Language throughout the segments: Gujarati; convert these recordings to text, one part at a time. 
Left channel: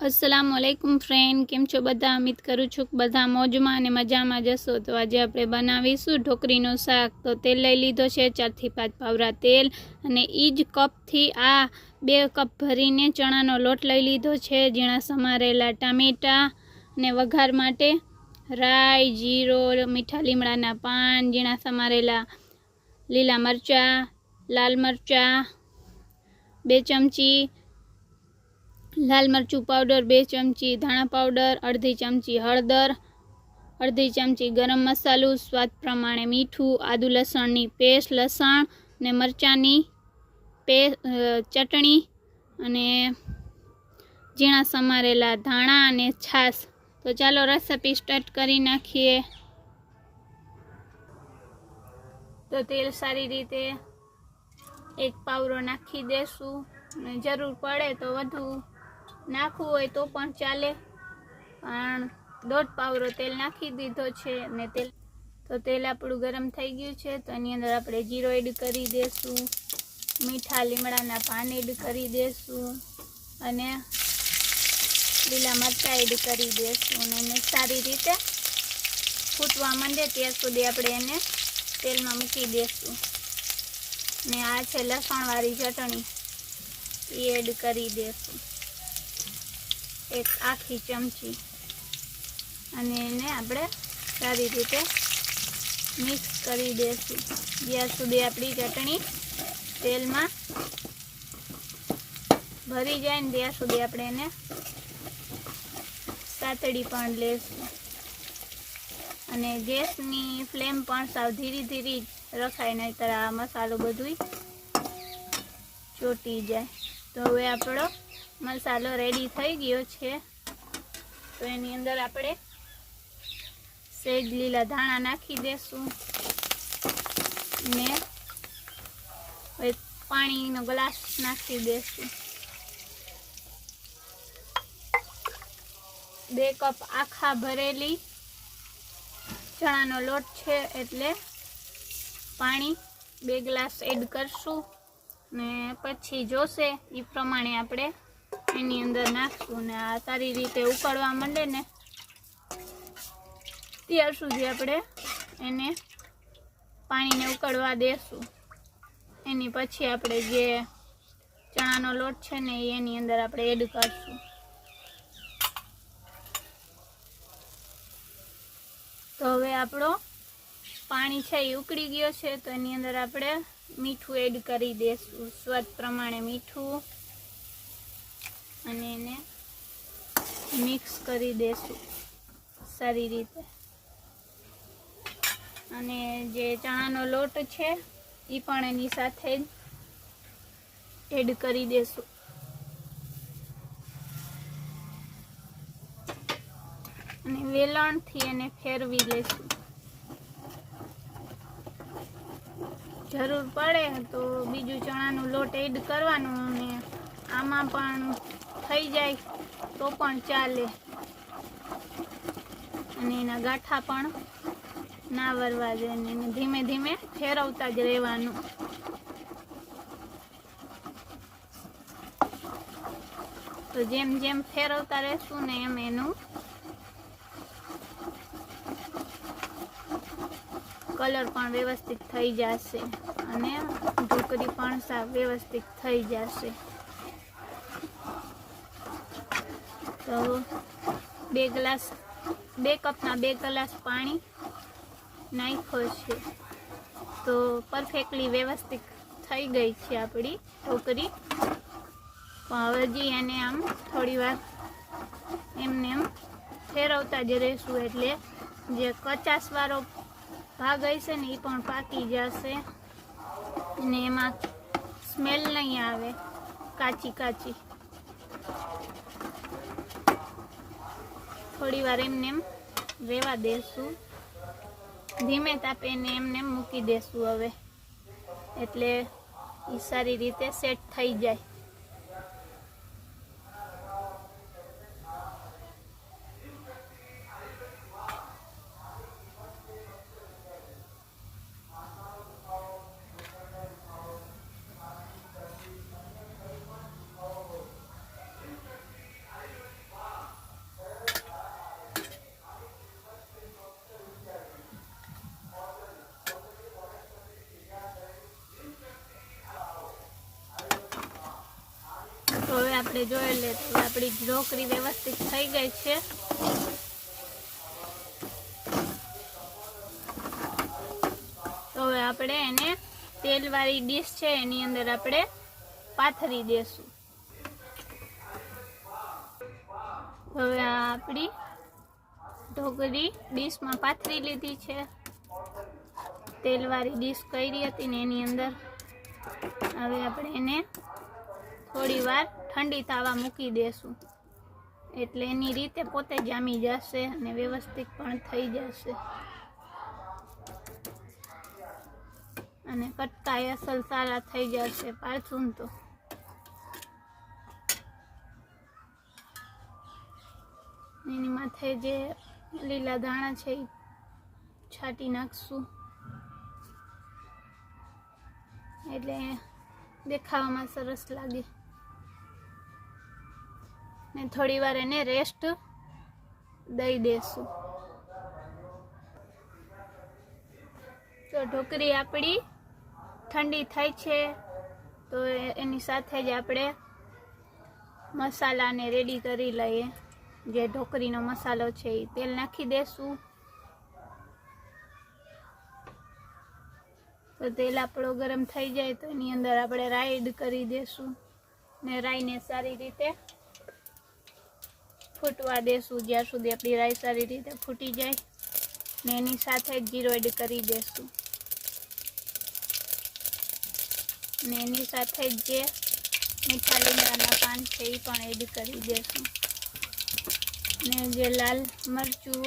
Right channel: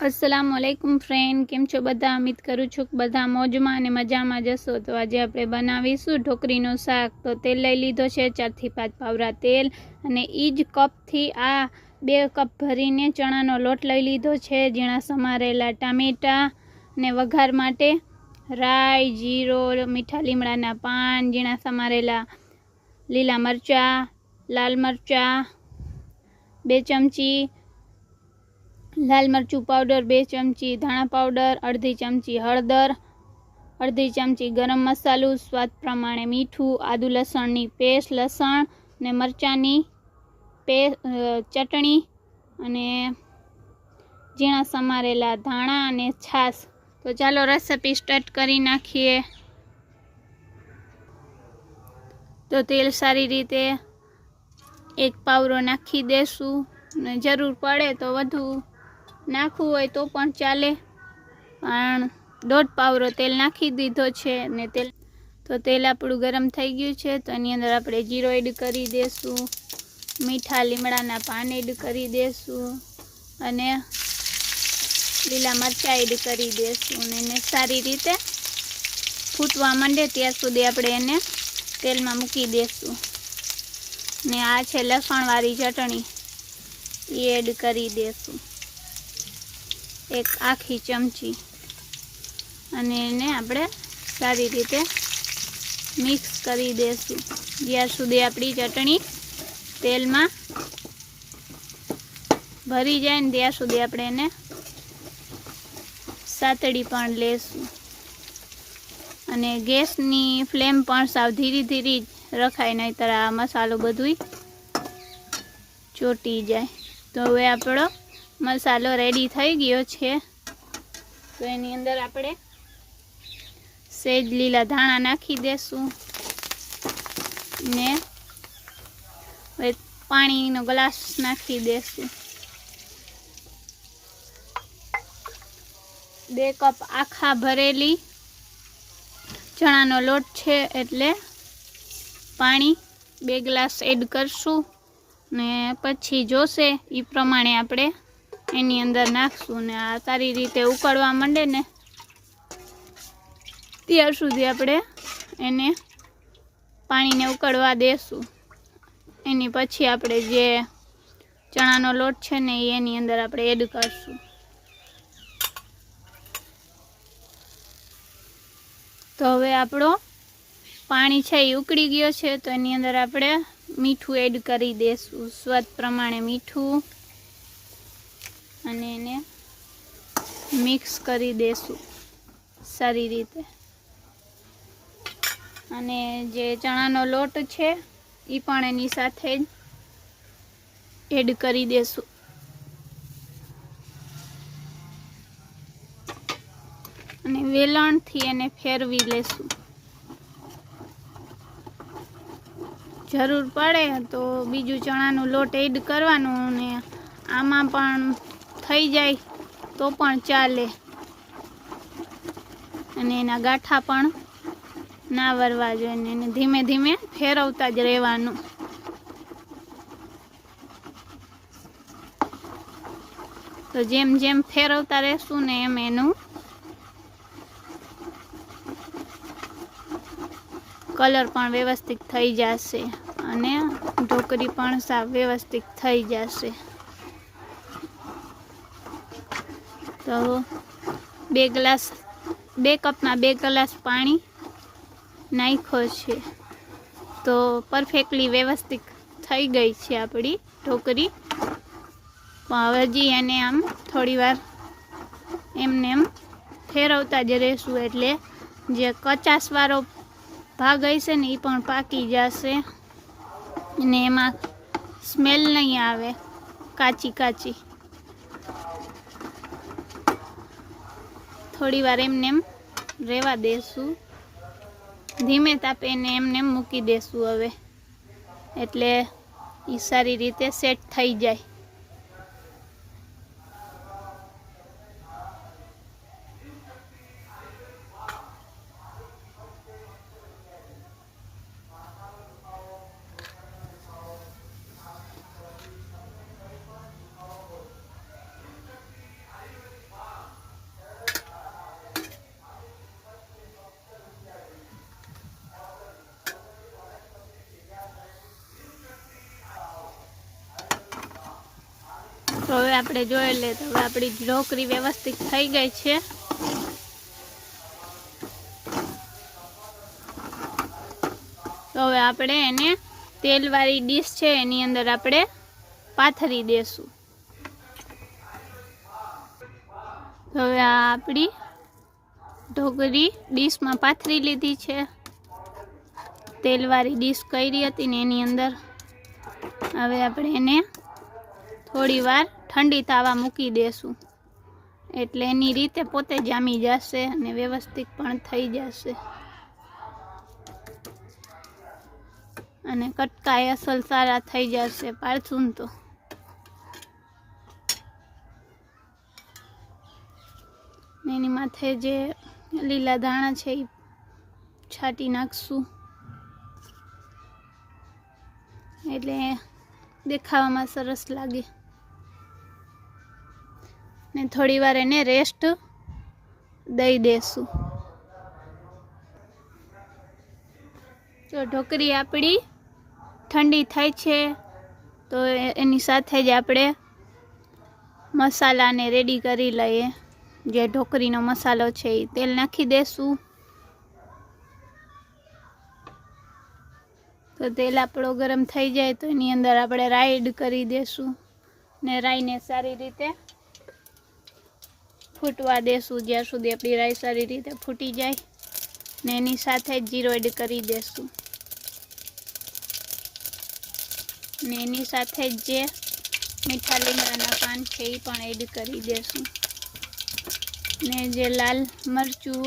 अस्सलामुअलैकुम फ्रेंड, केम छो बधा? उम्मीद करूँ छूँ कि बधा मौजमां अने मजामां जशो। तो आज आपणे बनावीशुं ढोकरीनुं शाक। तो तेल लई लीधो छे 4 થી 5 पावरा तेल अने ई ज कपथी आ 2 कप भरीने चणानो लोट लई लीधो छे। झीणा समारेला टामेटा अने वघार माटे राई, जीरो, मीठा લીમડાના પાન, झीणा समारेला લીલા मरचा, लाल मरचा, 2 चमची लाल मरचू पाउडर, 2 चमची धाणा पाउडर, अर्धी चमची हळदर, अर्धी चमची गरम मसालो, स्वाद प्रमाणे मीठू, आदू लसणनी पेस्ट, लसण ने मरचानी चटणी अने झीणा समारेला धाणा अने छास। तो चालो रेसिपी स्टार्ट करी नाखीए। तो तेल सारी रीते 1 पावरो नाखी देशू ने जरूर पड़े तो वधु नाखવું હોય તો પણ ચાલે, પણ 1.5 પાવરો તેલ નાખી દીધો છે ને તેલ આપણું ગરમ થઈ ગયું છે। તો એની અંદર આપણે જીરો એડ કરી દેશું, મીઠા લીમડાના પાન એડ કરી દેશું અને લીલા મરચાં એડ કરી દેશું અને એને સારી રીતે ફૂટવા માંડે ત્યાં સુધી આપણે એને તેલમાં મૂકી દેશું। ને આ છે લસણવાળી ચટણી, એ એડ કરી દેશું 1 આખી ચમચી અને એને આપણે સારી રીતે મિક્સ કરી દેશું જ્યાં સુધી આપણી ચટણી તેલમાં ભરી જાય ને ત્યાં સુધી આપણે એને સાતળી પણ લેશું અને ગેસની ફ્લેમ પણ સાવ ધીરી ધીરી રખાય, નહીંતર આ મસાલો બધું ચોટી જાય। તો હવે આપણો मसालो रेडी थई गयो छे। तो एनी अंदर आपणे सेज लीला धाणा नाखी देशुं ने पाणीनो ग्लास नाखी देशुं। 2 कप आखा भरेली चणानो लोट छे एटले पाणी 2 ग्लास एड करशुं ने पछी जोशे ई प्रमाणे आपणे एनी अंदर नाखशुं ने आ सारी रीते उकळवा मांडे ने त्यार सुधी आपणे एने पाणीने उकळवा देशुं। एनी पछी आपणे जे चणानो लोट छे ने एनी अंदर आपणे एड करशुं। तो हवे आपणो पाणी छे ए उकળી गयो छे। तो एनी अंदर आपणे मीठું एड करी देशुं, स्वाद प्रमाणे मीठું અને એને મિક્સ કરી દેશું સારી રીતે અને જે ચણાનો લોટ છે એ પણ એની સાથે જ એડ કરી દેશું અને વેલણથી એને ફેરવી લેશું। જરૂર પડે તો બીજું ચણાનો લોટ એડ કરવાનો અને આમાં પણ થઈ જાય તો પણ ચાલે અને એના ગાંઠા પણ ના વરવા જોઈએ ને એને ધીમે ધીમે ફેરવતા જ રહેવાનું। તો જેમ જેમ ફેરવતા રહેશું ને એમ એનું કલર પણ વ્યવસ્થિત થઈ જશે અને ઢોકળી પણ સાવ વ્યવસ્થિત થઈ જશે। तो 2 कपना 2 ग्लास पानी नाख्यो छे। तो परफेक्टली व्यवस्थित थई गई छे आपणी ढोकरी। पण हजी एने आम थोड़ी वार एमने एम फेरवता ज रहेशुं एटले जे कचासवाळो भाग हशे ने ए पण पाकी जशे ने एमां स्मेल नहीं आवे काची काची। थोड़ी वार एमने एम रेवा देशुं, धीमे तापे ने एमने एम मूकी देशुं हवे एटले ई सारी रीते सेट थई जाय। હવે આપણે જોઈ લે તો આપણી ઢોકળી વ્યવસ્થિત થઈ ગઈ છે। તો હવે આપણે એને તેલવાળી ડીશ છે એની અંદર આપણે પાથરી દેશું। હવે આ આપણી ઢોકળી ડીશમાં પાથરી લીધી છે। તેલવાળી ડીશ કરી હતી ને એની અંદર હવે આપણે એને થોડી વાર ઠંડી થવા મૂકી દેશું, એટલે એની રીતે પોતે જામી જશે અને વ્યવસ્થિત પણ થઈ જશે અને કટકાય અસલ સારા થઈ જશે પાડશું તો। એની માથે જે લીલા ધાણા છે એ છાંટી નાખશું, એટલે દેખાવામાં સરસ લાગે ને થોડી વાર એને રેસ્ટ દઈ દેશું। તો ઢોકળી આપણી ઠંડી થઈ છે, તો એની સાથે જ આપણે મસાલાને રેડી કરી લઈએ। જે ઢોકળીનો મસાલો છે એ તેલ નાખી દેશું। તો તેલ આપણો ગરમ થઈ જાય તો એની અંદર આપણે રાઈ એડ કરી દેશું ને રાઈને સારી રીતે ફૂટવા દેશું, જ્યાં સુધી આપણી રાઈ સારી રીતે ફૂટી જાય ને એની સાથે જ જીરો એડ કરી દેશું ને એની સાથે જ જે મીઠા લીમડાના પાન છે એ પણ એડ કરી દેશું ને જે લાલ મરચું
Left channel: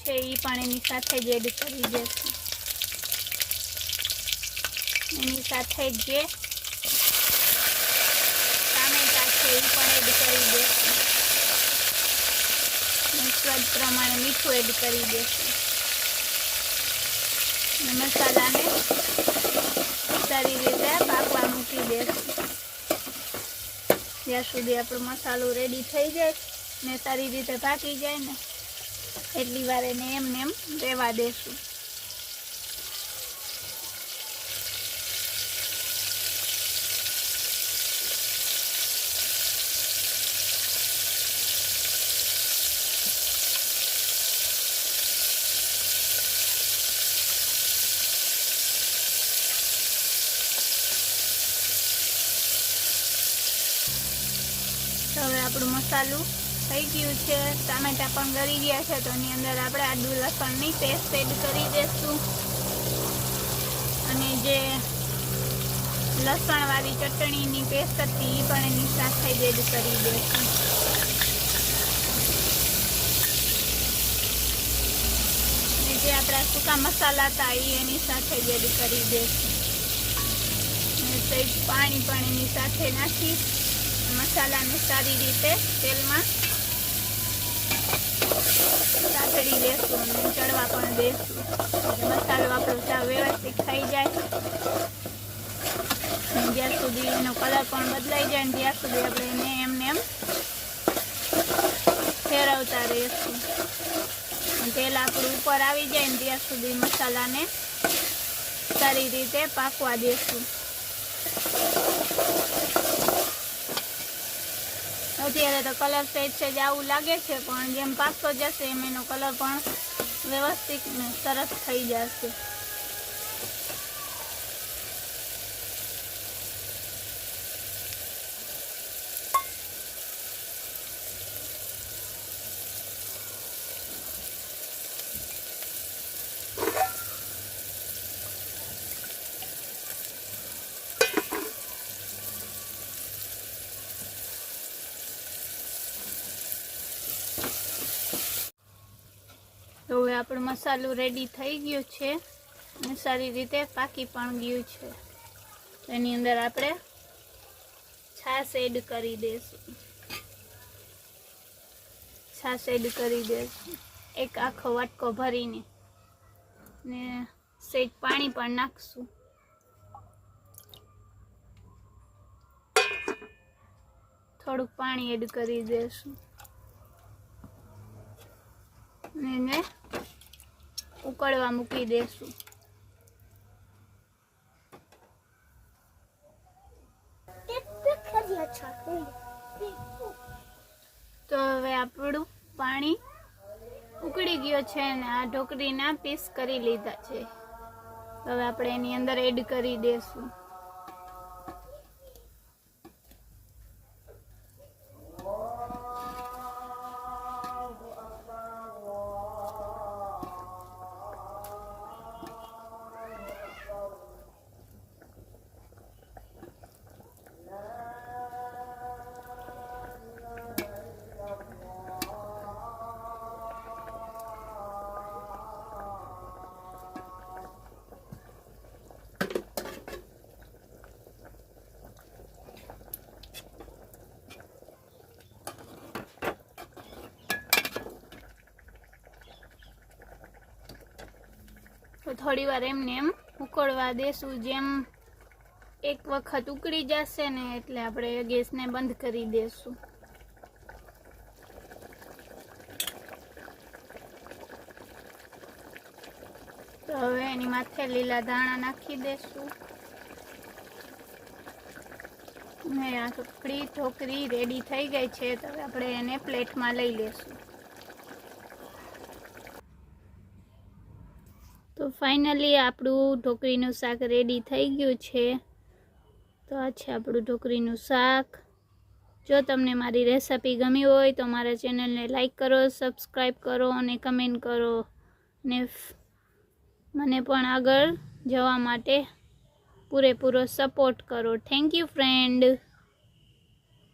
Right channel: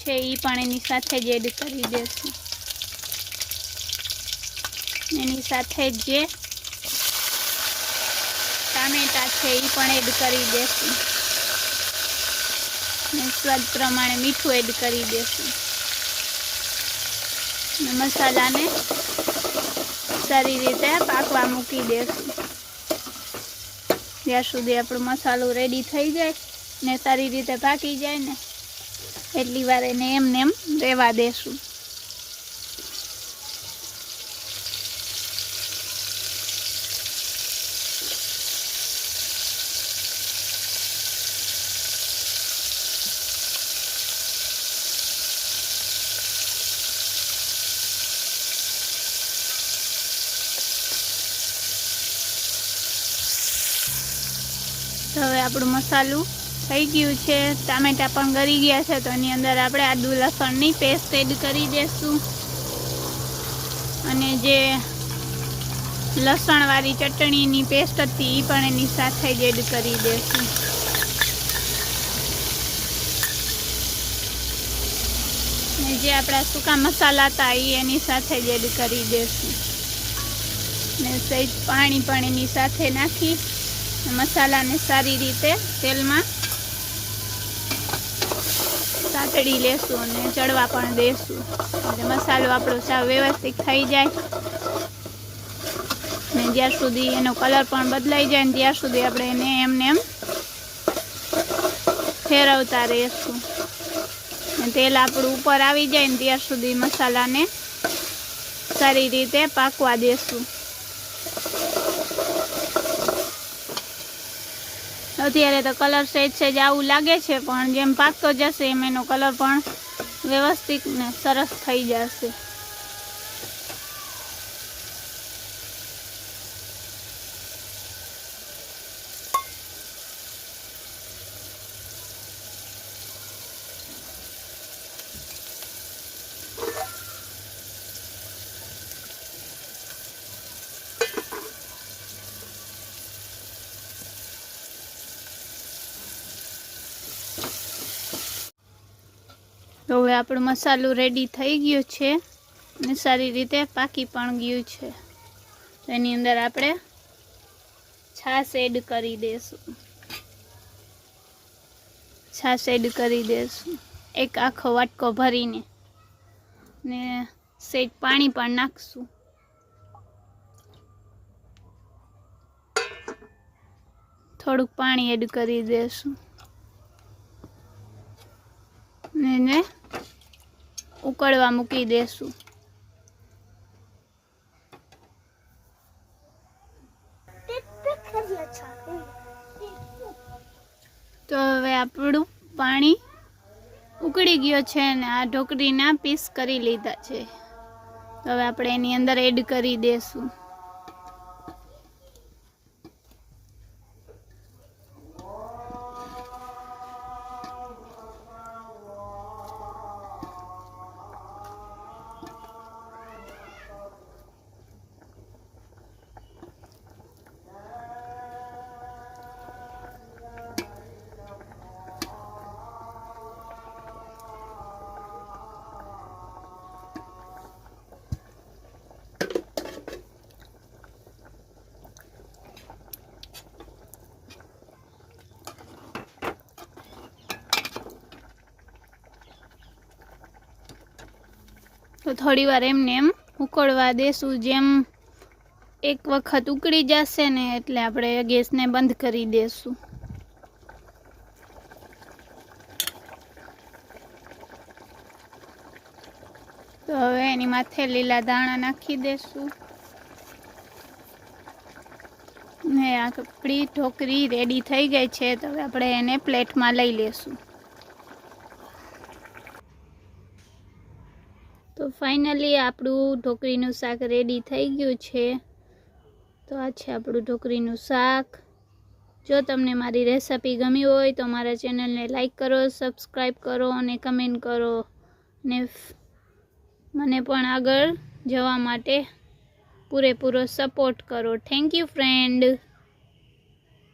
છે એ પણ એની સાથે જ એડ કરી દેશું। એની સાથે જે ટામેટા છે એ પણ એડ કરી દેશું ને સ્વાદ પ્રમાણે મીઠું એડ કરી દેશું। મસાલાને સારી રીતે પાકવા મૂકી દેશું, જ્યાં સુધી આપણો મસાલો રેડી થઈ જાય ને સારી રીતે પાકી જાય ને એટલી વાર એને એમને એમ રહેવા દેશું। તો હવે આપણું મસાલું થઈ ગયું છે, ટામેટા પણ ગળી ગયા છે, તો એની અંદર આપણે આદુ લસણની પેસ્ટ એડ કરી દઈશું અને જે લસણવાળી ચટણીની પેસ્ટ હતી એ પણ એની સાથે જ એડ કરી દઈશું ને જે આપણા સૂકા મસાલા હતા એ એની સાથે જ એડ કરી દઈશું ને સહેજ પાણી પણ એની સાથે નાખી મસાલાને સારી રીતે તેલમાં સાતડી લેશું અને ચડવા પણ દેશું, એટલે મસાલો આપણો સાવ વ્યવસ્થિત થઈ જાય ને જ્યાં સુધી એનો કલર પણ બદલાઈ જાય ને ત્યાં સુધી આપણે એને એમને એમ ફેરવતા રહીશું ને તેલ આપણું ઉપર આવી જાય ને ત્યાં સુધી મસાલાને સારી રીતે પાકવા દેશું। અત્યારે તો કલર સહેજ આવું લાગે છે, પણ જેમ પાકતો જશે એમ એનો કલર પણ વ્યવસ્થિત ને સરસ થઈ જશે। તો હવે આપણો મસાલો રેડી થઈ ગયો છે અને સારી રીતે પાકી પણ ગયું છે। એની અંદર આપણે છાશ એડ કરી દઈશું, છાશ એડ કરી દઈશું એક આખો વાટકો ભરીને ને સહેજ પાણી પણ નાખશું, થોડુંક પાણી એડ કરી દઈશું ને એને ઉકળવા મૂકી દેશું। તો હવે આપણું પાણી ઉકળી ગયો છે અને આ ઢોકળીના પીસ કરી લીધા છે. તો હવે આપણે એની અંદર એડ કરી દઈશું. તો થોડી વાર એમને એમ ઉકળવા દેશું. જેમ એક વખત ઉકળી જશે ને એટલે આપણે ગેસને બંધ કરી દેશું. તો હવે એની માથે લીલા દાણા નાખી દેશું ને આપણી ઢોકળી રેડી થઈ ગઈ છે. તો હવે આપણે એને પ્લેટમાં લઈ લેશું. તો ફાઇનલી આપણું ઢોકળીનું શાક રેડી થઈ ગયું છે. તો આ છે આપણું ઢોકળીનું શાક. જો તમને મારી રેસિપી ગમી હોય તો મારા ચેનલને લાઈક કરો, સબસ્ક્રાઈબ કરો અને કમેન્ટ કરો ને મને પણ આગળ જવા માટે પૂરેપૂરો સપોર્ટ કરો. Thank you friend.